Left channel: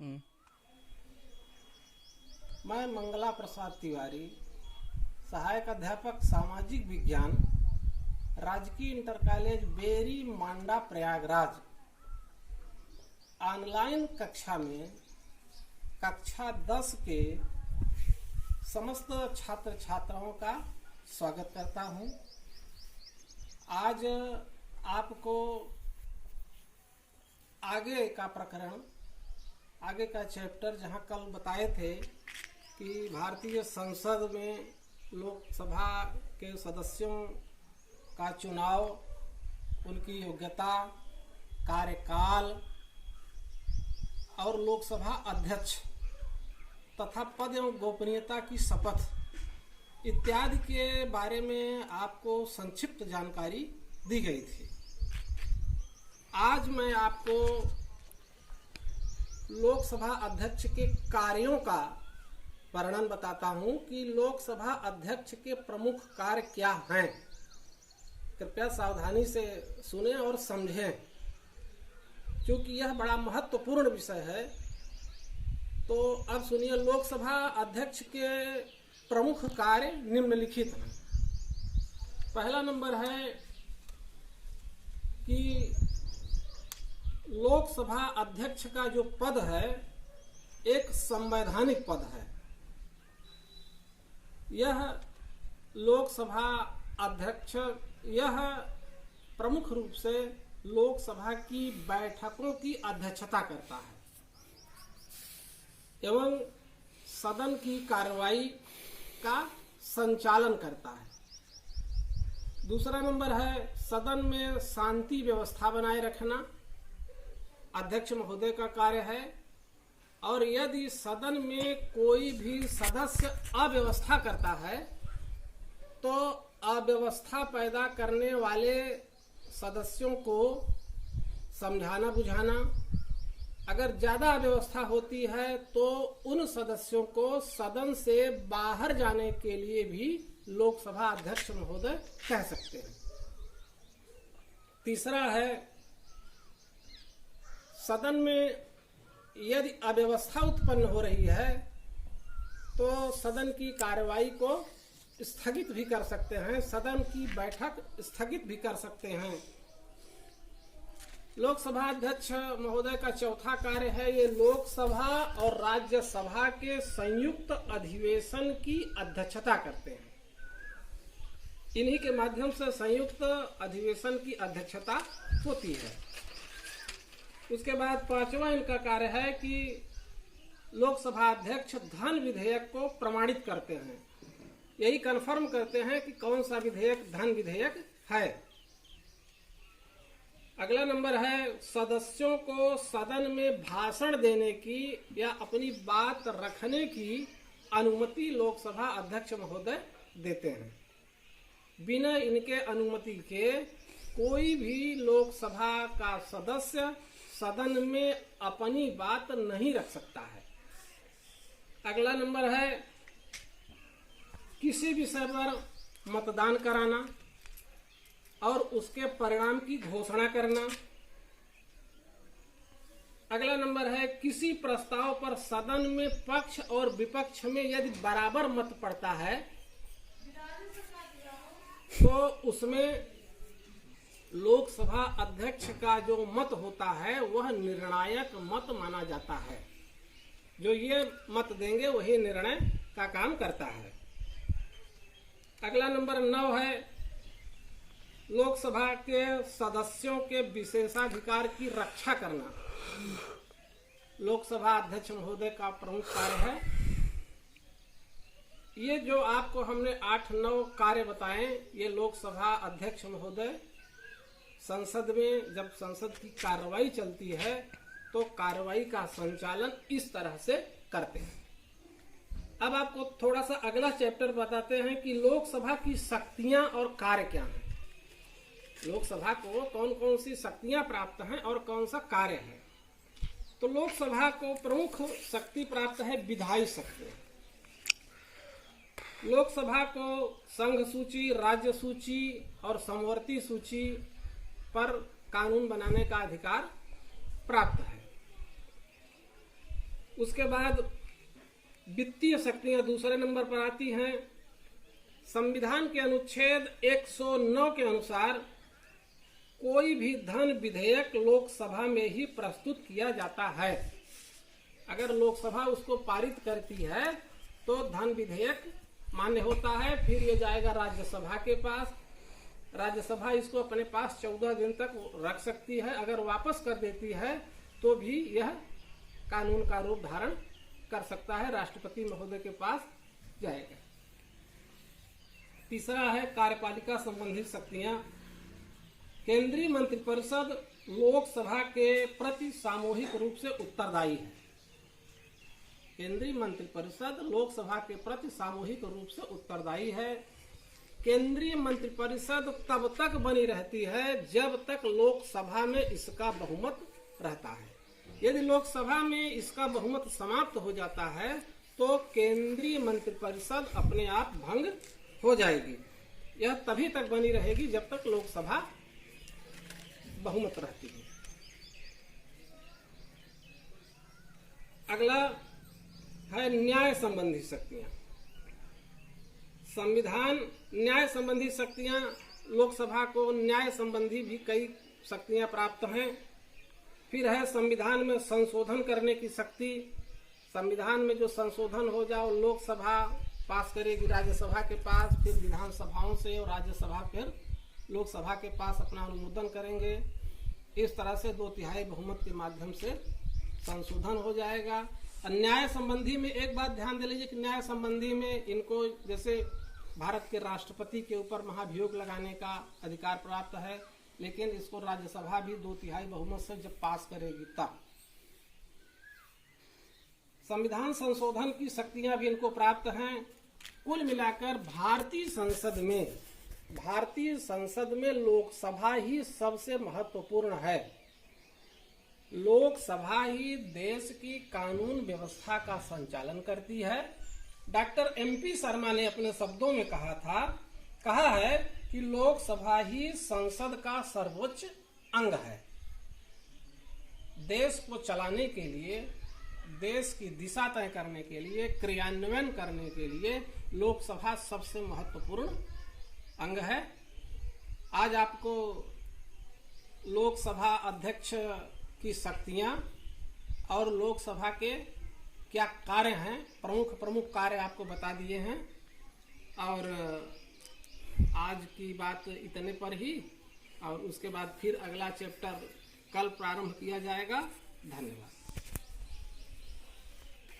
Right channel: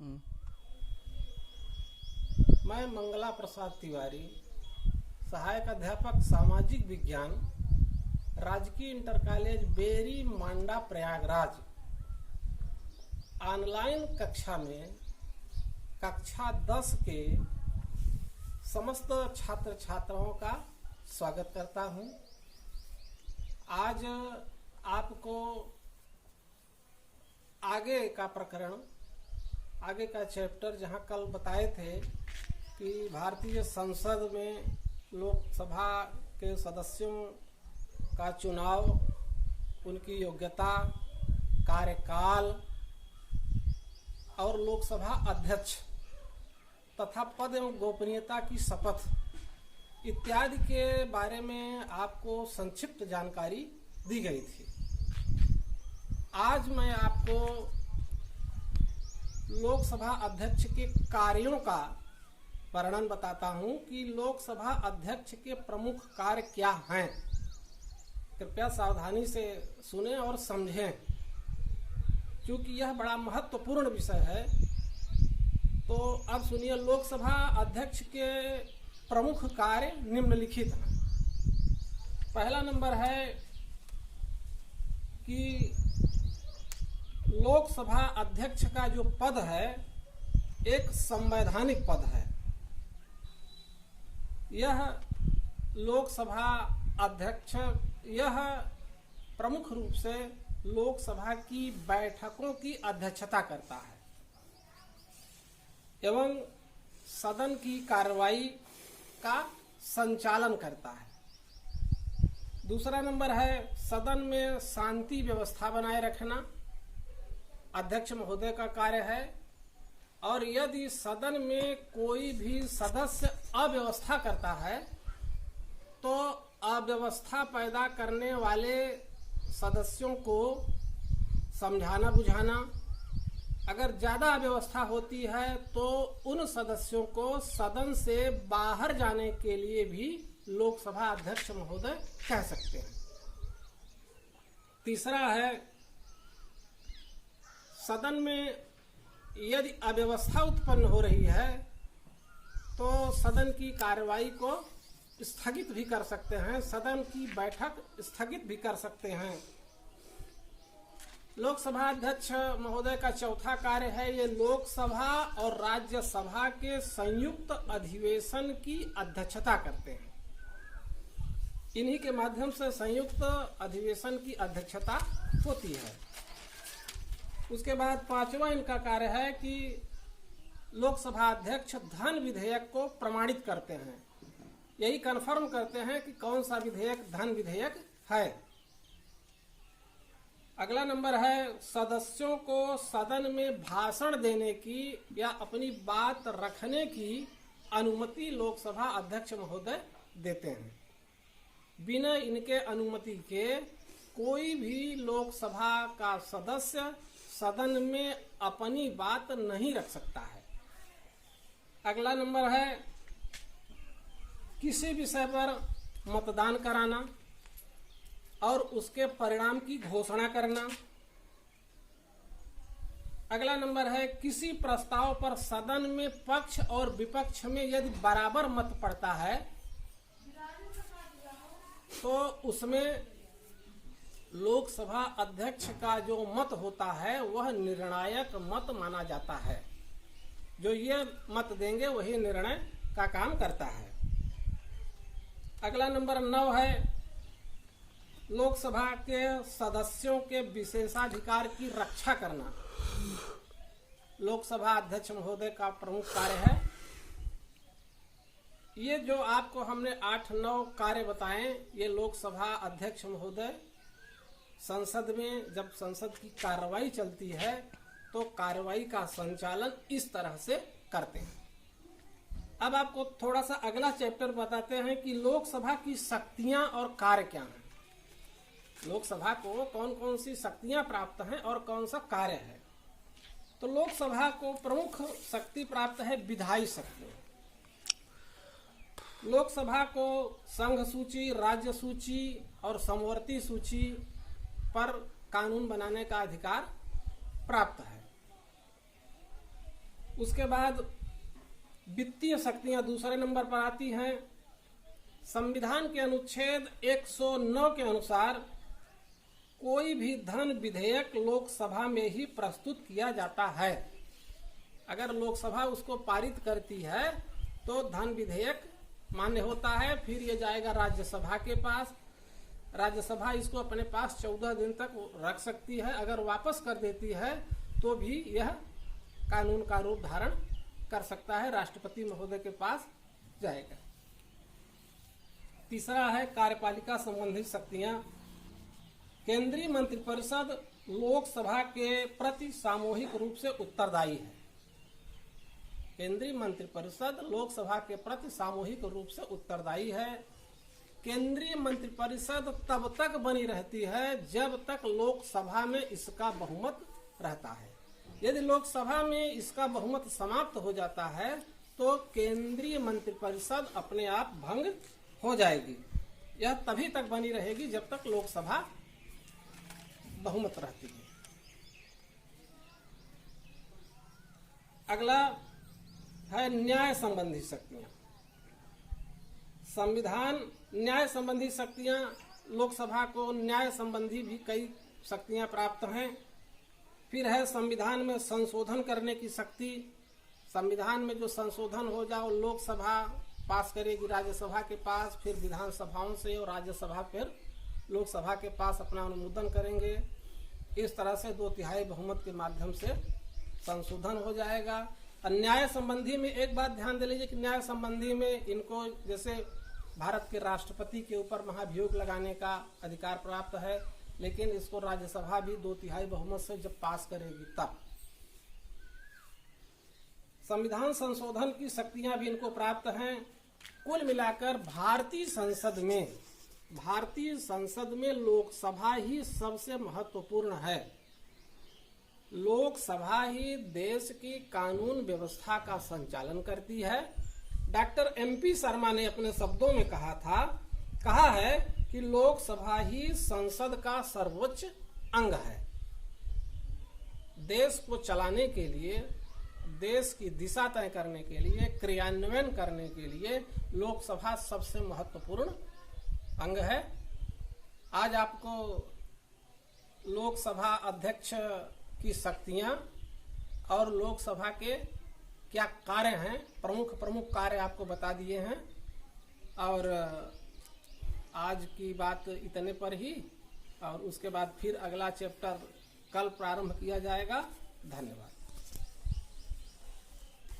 हम्म। मैं मंगला प्रसाद तिवारी, सहायक अध्यापक सामाजिक विज्ञान, राजकीय इंटर कॉलेज बेरी मांडा प्रयागराज, ऑनलाइन कक्षा में कक्षा 10 के समस्त छात्र छात्राओं का स्वागत करता हूं। आज आपको आगे का प्रकरण, आगे का चैप्टर, जहां कल बताए थे कि भारतीय संसद में लोकसभा के सदस्यों का चुनाव, उनकी योग्यता, कार्यकाल और लोकसभा अध्यक्ष तथा पद एवं गोपनीयता की शपथ इत्यादि के बारे में आपको संक्षिप्त जानकारी दी गई थी। आज मैं आपको लोकसभा अध्यक्ष के कार्यों का वर्णन बताता हूं कि लोकसभा अध्यक्ष के प्रमुख कार्य क्या हैं। कृपया सावधानी से सुने और समझें, क्योंकि यह बड़ा महत्वपूर्ण विषय है। तो अब सुनिए, लोकसभा अध्यक्ष के प्रमुख कार्य निम्नलिखित हैं। पहला नंबर है कि लोकसभा अध्यक्ष का जो पद है एक संवैधानिक पद है। यह लोकसभा अध्यक्ष यह प्रमुख रूप से लोकसभा की बैठकों की अध्यक्षता करता है एवं सदन की कार्रवाई का संचालन करता है। दूसरा नंबर है सदन में शांति व्यवस्था बनाए रखना अध्यक्ष महोदय का कार्य है। और यदि सदन में कोई भी सदस्य अव्यवस्था करता है तो अव्यवस्था पैदा करने वाले सदस्यों को समझाना बुझाना, अगर ज्यादा अव्यवस्था होती है तो उन सदस्यों को सदन से बाहर जाने के लिए भी लोकसभा अध्यक्ष महोदय कह सकते हैं। तीसरा है सदन में यदि अव्यवस्था उत्पन्न हो रही है तो सदन की कार्यवाही को स्थगित भी कर सकते हैं, सदन की बैठक स्थगित भी कर सकते हैं। लोकसभा अध्यक्ष महोदय का चौथा कार्य है ये लोकसभा और राज्यसभा के संयुक्त अधिवेशन की अध्यक्षता करते हैं। इन्हीं के माध्यम से संयुक्त अधिवेशन की अध्यक्षता होती है। उसके बाद पांचवा इनका कार्य है कि लोकसभा अध्यक्ष धन विधेयक को प्रमाणित करते हैं, यही कंफर्म करते हैं कि कौन सा विधेयक धन विधेयक है। अगला नंबर है सदस्यों को सदन में भाषण देने की या अपनी बात रखने की अनुमति लोकसभा अध्यक्ष महोदय देते हैं। बिना इनके अनुमति के कोई भी लोकसभा का सदस्य सदन में अपनी बात नहीं रख सकता है। अगला नंबर है किसी विषय पर मतदान कराना और उसके परिणाम की घोषणा करना। अगला नंबर है किसी प्रस्ताव पर सदन में पक्ष और विपक्ष में यदि बराबर मत पड़ता है तो उसमें लोकसभा अध्यक्ष का जो मत होता है वह निर्णायक मत माना जाता है। जो ये मत देंगे वही निर्णय का काम करता है। अगला नंबर 9 है लोकसभा के सदस्यों के विशेषाधिकार की रक्षा करना। लोकसभा अध्यक्ष महोदय का प्रमुख कार्य है। ये जो आपको हमने 8-9 कार्य बताए, ये लोकसभा अध्यक्ष महोदय संसद में जब संसद की कार्रवाई चलती है तो कार्रवाई का संचालन इस तरह से करते हैं। अब आपको थोड़ा सा अगला चैप्टर बताते हैं कि लोकसभा की शक्तियां और कार्य क्या हैं। लोकसभा को कौन कौन सी शक्तियां प्राप्त हैं और कौन सा कार्य है। तो लोकसभा को प्रमुख शक्ति प्राप्त है विधायी शक्ति। लोकसभा को संघ सूची, राज्य सूची और समवर्ती सूची पर कानून बनाने का अधिकार प्राप्त है। उसके बाद वित्तीय शक्तियां दूसरे नंबर पर आती हैं। संविधान के अनुच्छेद 109 के अनुसार कोई भी धन विधेयक लोकसभा में ही प्रस्तुत किया जाता है। अगर लोकसभा उसको पारित करती है तो धन विधेयक मान्य होता है। फिर ये जाएगा राज्यसभा के पास। राज्यसभा इसको अपने पास 14 दिन तक रख सकती है। अगर वापस कर देती है तो भी यह कानून का रूप धारण कर सकता है, राष्ट्रपति महोदय के पास जाएगा। तीसरा है कार्यपालिका संबंधी शक्तियां। केंद्रीय मंत्रिपरिषद लोकसभा के प्रति सामूहिक रूप से उत्तरदायी है। केंद्रीय मंत्रिपरिषद लोकसभा के प्रति सामूहिक रूप से उत्तरदायी है। केंद्रीय मंत्रिपरिषद तब तक बनी रहती है जब तक लोकसभा में इसका बहुमत रहता है। यदि लोकसभा में इसका बहुमत समाप्त हो जाता है तो केंद्रीय मंत्रिपरिषद अपने आप भंग हो जाएगी। यह तभी तक बनी रहेगी जब तक लोकसभा बहुमत रहती है। अगला है न्याय संबंधी शक्तियां। संविधान न्याय संबंधी शक्तियां, लोकसभा को न्याय संबंधी भी कई शक्तियां प्राप्त हैं। फिर है संविधान में संशोधन करने की शक्ति। संविधान में जो संशोधन हो जाओ लोकसभा पास करेगी राज्यसभा के पास, फिर विधानसभाओं से और राज्यसभा फिर लोकसभा के पास अपना अनुमोदन करेंगे। इस तरह से 2/3 बहुमत के माध्यम से संशोधन हो जाएगा। और न्याय संबंधी में एक बात ध्यान दे लीजिए कि न्याय संबंधी में इनको जैसे भारत के राष्ट्रपति के ऊपर महाभियोग लगाने का अधिकार प्राप्त है, लेकिन इसको राज्यसभा भी 2/3 बहुमत से जब पास करेगी तब। संविधान संशोधन की शक्तियां भी इनको प्राप्त हैं। कुल मिलाकर भारतीय संसद में लोकसभा ही सबसे महत्वपूर्ण है। लोकसभा ही देश की कानून व्यवस्था का संचालन करती है। डॉक्टर MP शर्मा ने अपने शब्दों में कहा है कि लोकसभा ही संसद का सर्वोच्च अंग है। देश को चलाने के लिए, देश की दिशा तय करने के लिए, क्रियान्वयन करने के लिए लोकसभा सबसे महत्वपूर्ण अंग है। आज आपको लोकसभा अध्यक्ष की शक्तियां और लोकसभा के क्या कार्य हैं, प्रमुख कार्य आपको बता दिए हैं। और आज की बात इतने पर ही, और उसके बाद फिर अगला चैप्टर कल प्रारंभ किया जाएगा। धन्यवाद।